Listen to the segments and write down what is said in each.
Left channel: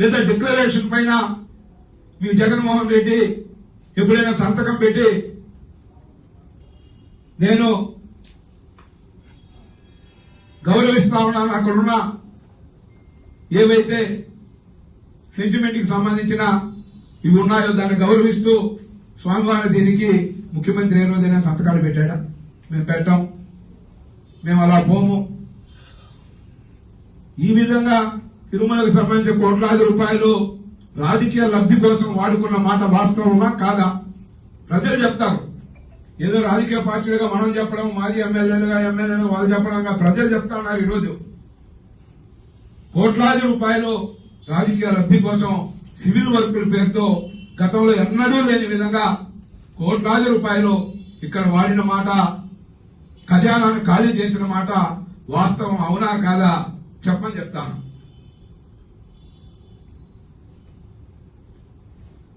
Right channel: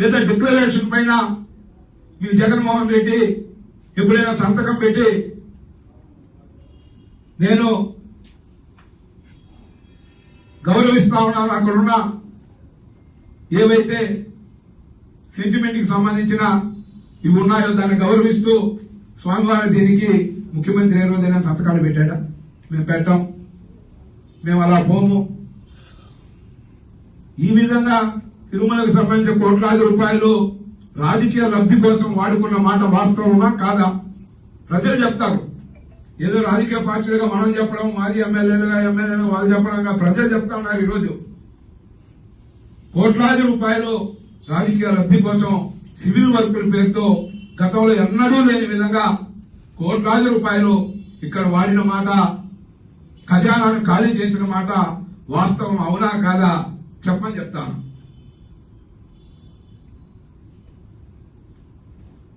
లేదా డిక్లరేషన్ పైన మీ జగన్మోహన్ రెడ్డి ఎప్పుడైనా సంతకం పెట్టి నేను గౌరవిస్తా ఉన్నాను. అక్కడున్న ఏవైతే సెంటిమెంట్కి సంబంధించిన ఇవి ఉన్నాయో దాన్ని గౌరవిస్తూ స్వామివారి దీనికి ముఖ్యమంత్రి ఏ రోజైనా సంతకాలు పెట్టాడా? మేము పెట్టాం. మేము అలా పోము. ఈ విధంగా తిరుమలకు సంబంధించిన కోట్లాది రూపాయలు రాజకీయ లబ్ధి కోసం వాడుకున్న మాట వాస్తవమా కాదా? ప్రజలు చెప్తారు. ఏదో రాజకీయ పార్టీలుగా మనం చెప్పడం మాజీ ఎమ్మెల్యేలుగా ఎమ్మెల్యేలుగా వాళ్ళు చెప్పడంగా ప్రజలు చెప్తా ఉన్నారు ఈరోజు. కోట్లాది రూపాయలు రాజకీయ లబ్ధి కోసం సివిల్ వర్కుల పేరుతో గతంలో ఎన్నడూ లేని విధంగా కోట్లాది రూపాయలు ఇక్కడ వాడిన మాట ఖజానాను ఖాళీ చేసిన మాట వాస్తవం అవునా కాదా? చెప్పని చెప్తాను.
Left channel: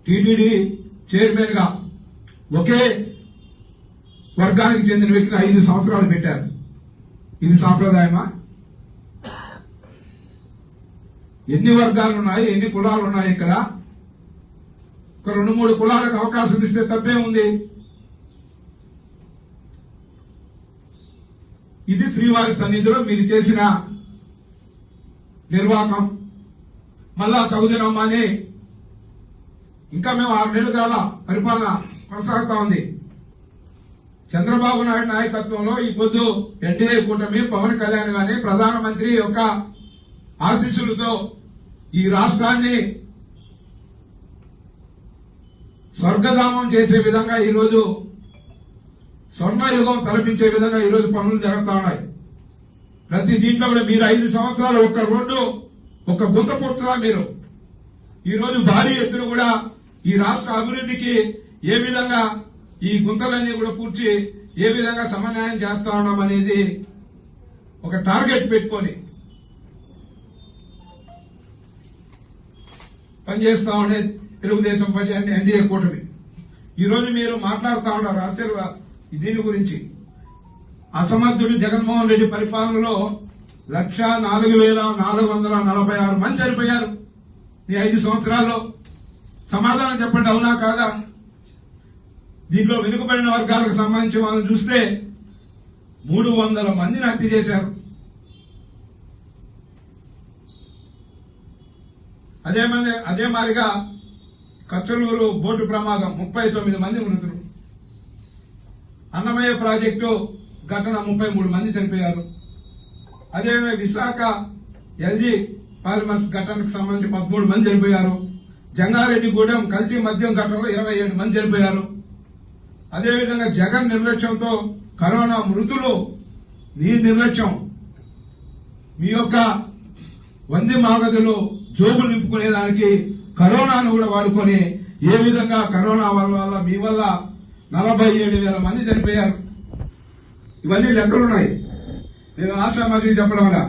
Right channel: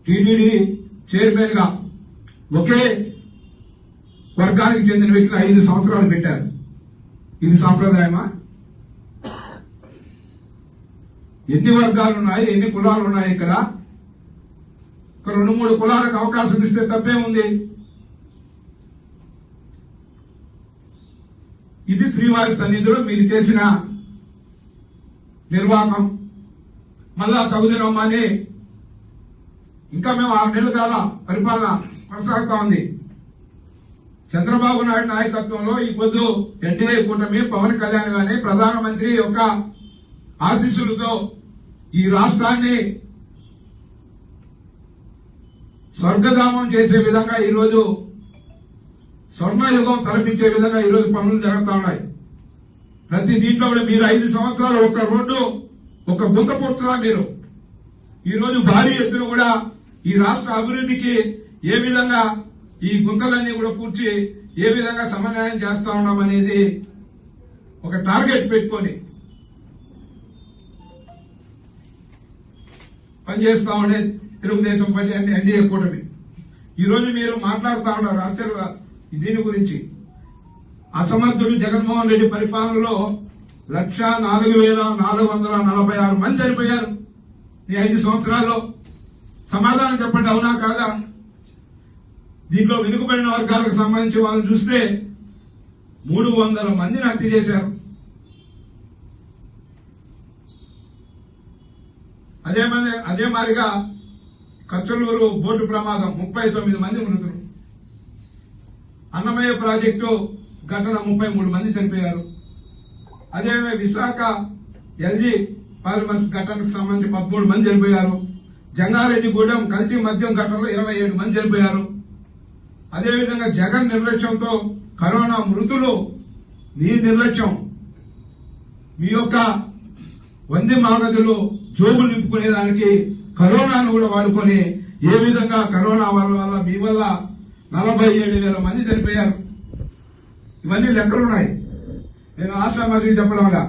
టీడీ చైర్మన్గా ఒకే వర్గానికి చెందిన వ్యక్తులు ఐదు సంవత్సరాలు పెట్టారు. ఇది సాంప్రదాయమా? ఎన్ని వర్గాలు ఉన్నాయి ఎన్ని కులాలు ఉన్నాయి ఇక్కడ? ఒక రెండు మూడు కులాలకు అవకాశం ఇస్తే తప్పే ఉంది ఇది శ్రీవారి సన్నిధిలో మీరు చేసిన నిర్వాహకం మళ్ళా తగుదనమ్మని ఇంకా మేము ఆరు నెలలు కాల పరిపాలన కొనసాగుతా ఉంది. చంద్రబాబు నాయుడు నాయకత్వంలో ఈ పొద్దు ఎన్డీఏ కూటమి పవన్ కళ్యాణ్ గాని ప్రధానమంత్రి యొక్క ఆశీస్సులతో ఈ రాష్ట్రాన్ని స్వర్గధామం చేసే విధంగా ఈరోజు స్వర్ణయుగం తలపించే విధంగా ఈరోజు పనులు జరుగుతా ఉన్నాయి. ప్రతి దీంట్లో కూడా మీరు ఐదు సంవత్సరాలు ఒక రోడ్డు ఒక గుంత పొచ్చులా మీరు. ఈ రోజు భారీ ఎత్తున కూడా ఈ రాష్ట్ర అభివృద్ధికి ఏ విధంగా ఈ గుంతలన్నీ కూడా పూడ్చి ఏ విధంగా సమన్వయం చేస్తా ఉన్నాం అనేది ఒక టార్గెట్ పెట్టుకొని పనిచేస్తా ఉండే తెలుగుదేశం పార్టీ అన్ని ఎన్డీఏ కూటమి. మీరు మాట్లాడుతా ఉన్నారు అత్యలు దీని గురించి. అసమర్థుడు జగన్మోహన్ రెడ్డి పరిపాలనలో లక్ష నాలుగు వేల నాలుగు వందల నలభై ఆరు మంది చనిపోయారు. ఈ ఐదు సంవత్సరాల్లో సమాధానం చెప్పండి అవునా కాదా? దీంట్లో వెనుకబడిన వర్గాలకు సంబంధించి వాళ్ళని చూస్తే మూడు వందల మందిని హత్య చేశారు. అదే మంది అదే మాదిరిగా కచ్చలూరు బోటు ప్రమాదం ముప్పై తొమ్మిది మంది మృతులు. అన్నమయ్య ప్రాజెక్టు ఘటన ముప్పై మూడు మంది చనిపోయారు. అదే విశాఖ ఎల్జీ పాలిమర్స్ ఘటనకు సంబంధించి పదమూడు మంది చనిపోయారు. జంగారెడ్డిగూడెం కల్తీ మద్యం ఘటనలో ఇరవై ఏడు మంది చనిపోయారు. అదేవిధంగా జగన్ నిర్లక్ష్యంతో కరోనా మృతులు మీ నిర్లక్ష్యం. మీ యొక్క వంది మాగదులు జోబులు నింపుకునే దానికి కరోనాను కూడా వాడుకొని ఏ విధంగా కరోనా వల్ల వల్ల మీ వల్ల నలభై ఏడు వేల మంది చనిపోయారు. ఇవన్నీ లెక్కలున్నాయి. నేను ఆశామాజీ చెప్పడం వల్ల.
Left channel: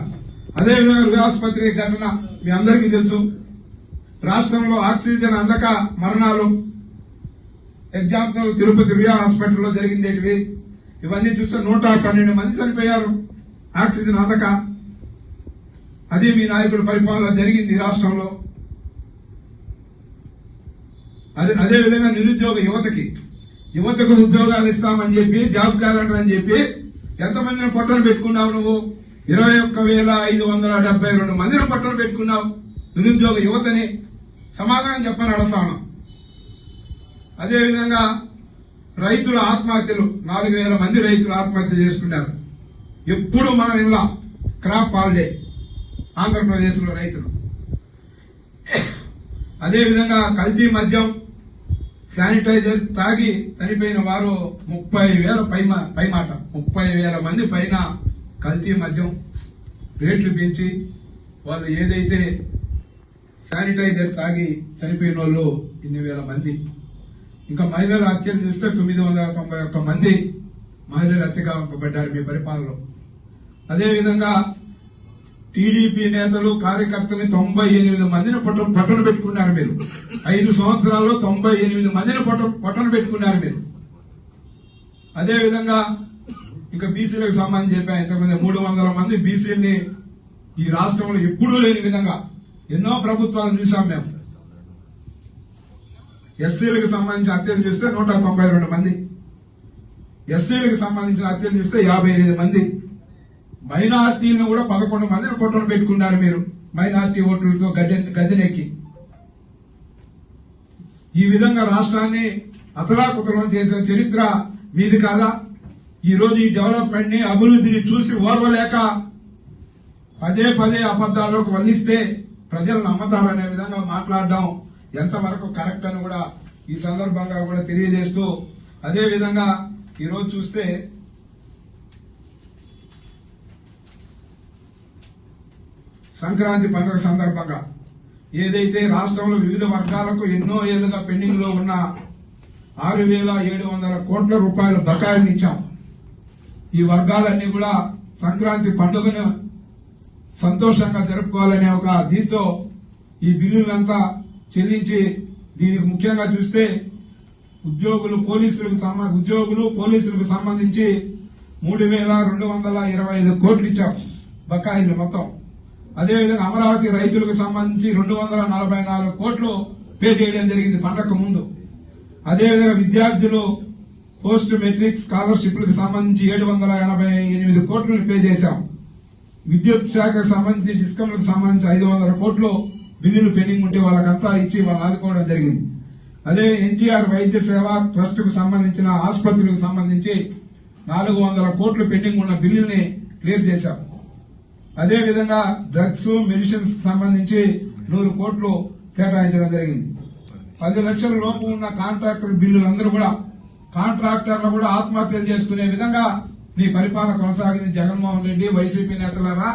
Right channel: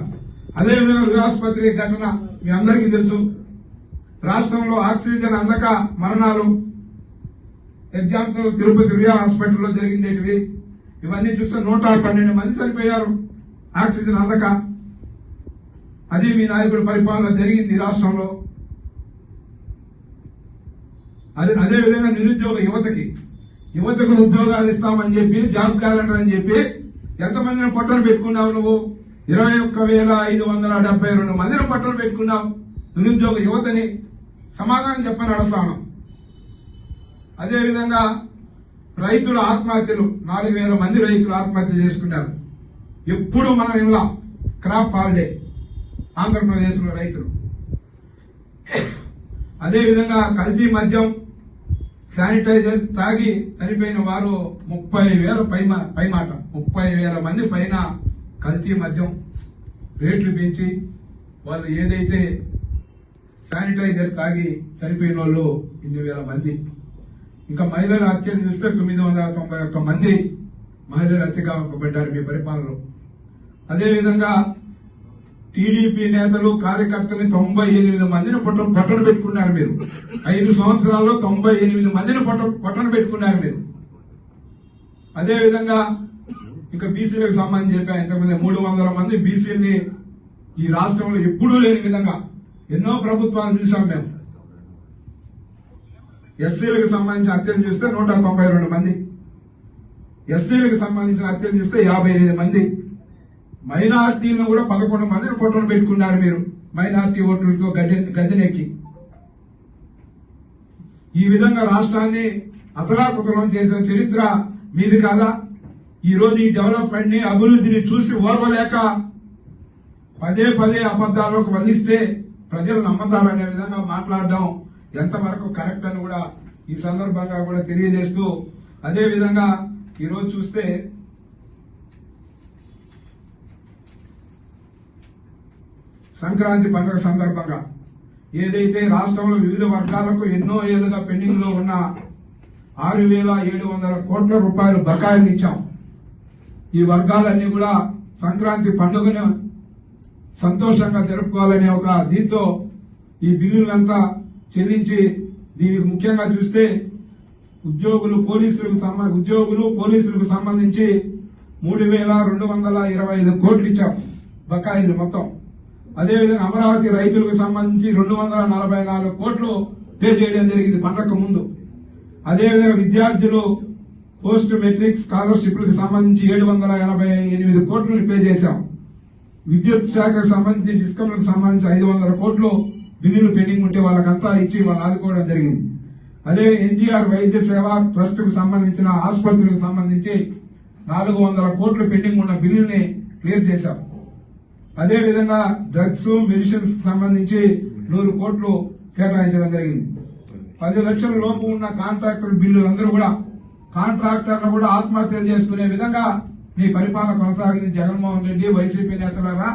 అదేవిధంగా హృదయాసుపత్రి ఘటన మీ అందరికీ తెలుసు. రాష్ట్రంలో ఆక్సిజన్ అందక మరణాలు ఎగ్జాంపుల్ తిరుపతి రియా హాస్పిటల్లో జరిగినవి ఇవన్నీ చూస్తే నూట పన్నెండు మంది చనిపోయారు. ఆక్సిజన్ అందక. అది మీ నాయకుడి పరిపాలన జరిగింది రాష్ట్రంలో. అదే అదే విధంగా నిరుద్యోగ యువతకి. యువతకు ఉద్యోగాలు ఇస్తామని చెప్పి జాబ్ క్యాలెండర్ అని చెప్పి ఎంతమందిని పొట్టలు పెట్టుకున్నావు నువ్వు? ఇరవై ఒక్క వేల ఐదు వందల డెబ్బై రెండు మందిని పొట్టలు పెట్టుకున్నావు. నిరుద్యోగ యువతని. సమాధానం చెప్పని అడుగుతాను అదేవిధంగా రైతుల ఆత్మహత్యలు నాలుగు వేల మంది రైతులు ఆత్మహత్య చేసుకున్నారు ఎప్పుడు మనం ఇలా క్రాప్ హాలిడే ఆంధ్రప్రదేశ్లో రైతులు. అదేవిధంగా కల్తీ మద్యం శానిటైజర్ తాగి చనిపోయిన వారు ముప్పై వేల పైన పైమాట ముప్పై వేల మంది పైన కల్తీ మద్యం రేట్లు పెంచి వాళ్ళు ఏదైతే శానిటైజర్ తాగి చనిపోయిన వాళ్ళు ఇన్ని వేల మంది. ఇంకా మహిళల హత్యలు చూస్తే తొమ్మిది వందల తొంభై ఒక్క మంది మహిళలు హత్యగా పడ్డారు మీ పరిపాలనలో. అదేవిధంగా టీడీపీ నేతలు కార్యకర్తలు తొంభై ఎనిమిది మందిని పొట్ట పట్టణ పెట్టుకున్నారు మీరు. ఐదు సంవత్సరాల్లో తొంభై ఎనిమిది మందిని పొట్ట పట్టణ పెట్టుకున్నారు మీరు. అదేవిధంగా ఇంకా బీసీలకు సంబంధించి చెప్పాను ఇంతకుముందు మూడు వందల మంది బీసీని ఈ రాష్ట్రంలో ఎప్పుడూ లేని విధంగా ఎన్నో ప్రభుత్వాలు చూసాం మేము. ఎస్సీలకు సంబంధించిన హత్యలు చూస్తే నూట తొంభై రెండు మంది. ఎస్టీలకు సంబంధించిన హత్యలు చూస్తే యాభై ఎనిమిది మంది. మైనార్టీలను కూడా పదకొండు మందిని ఫోటోలు పెట్టుకున్నారు మీరు. మైనార్టీ ఓట్లతో గద్దె గద్దెనెక్కి. ఈ విధంగా రాష్ట్రాన్ని అతలాకుతలం చేసిన చరిత్ర మీది కాదా. ఈ రోజు ఈ డెవలప్మెంట్ని అభివృద్ధిని చూసి ఓర్వలేక పదే పదే అబద్దాల్లోకి వల్లిస్తే ప్రజలు నమ్మతారనే విధంగా మాట్లాడడం ఎంతవరకు కరెక్ట్ అని కూడా ఈ సందర్భంగా కూడా తెలియజేస్తూ అదేవిధంగా ఈరోజు చూస్తే సంక్రాంతి పండుగ సందర్భంగా ఏదైతే రాష్ట్రంలో వివిధ వర్గాలకు ఎన్నో ఏళ్ళుగా పెండింగ్లో ఉన్న ఆరు వేల ఏడు వందల కోట్ల రూపాయల బకాయిలు ఇచ్చాం. ఈ వర్గాలన్నీ కూడా సంక్రాంతి పండుగను సంతోషంగా జరుపుకోవాలనే ఒక దీంతో ఈ బిల్లులంతా చెల్లించి దీనికి ముఖ్యంగా చూస్తే ఉద్యోగులు పోలీసులకు ఉద్యోగులు పోలీసులకు సంబంధించి మూడు వేల రెండు వందల ఇరవై ఐదు కోట్లు ఇచ్చాం బకాయిలు మొత్తం. అదేవిధంగా అమరావతి రైతులకు సంబంధించి రెండు వందల నలభై నాలుగు కోట్లు పే చేయడం జరిగింది పండగకు ముందు. అదేవిధంగా విద్యార్థులు పోస్ట్ మెట్రిక్ స్కాలర్షిప్లకు సంబంధించి ఏడు వందల ఎనభై ఎనిమిది కోట్లు పే చేశాం. విద్యుత్ శాఖకు సంబంధించి డిస్కమ్లకు సంబంధించి ఐదు వందల కోట్లు బిల్లులు పెండింగ్ ఉంటే వాళ్ళకంతా ఇచ్చి వాళ్ళు ఆదుకోవడం జరిగింది. అదే ఎన్టీఆర్ వైద్య సేవ ట్రస్టుకు సంబంధించిన ఆసుపత్రులకు సంబంధించి నాలుగు వందల కోట్లు పెండింగ్ ఉన్న బిల్లుల్ని క్లియర్ చేశాం. అదే విధంగా డ్రగ్స్ మెడిసిన్స్ సంబంధించి నూరు కోట్లు కేటాయించడం జరిగింది. పది లక్షల లోపు ఉన్న కాంట్రాక్టర్ బిల్లులందరూ కూడా కాంట్రాక్టర్లు కూడా ఆత్మహత్యలు చేసుకునే విధంగా మీ పరిపాలన కొనసాగింది జగన్మోహన్ రెడ్డి వైసీపీ నేతలరా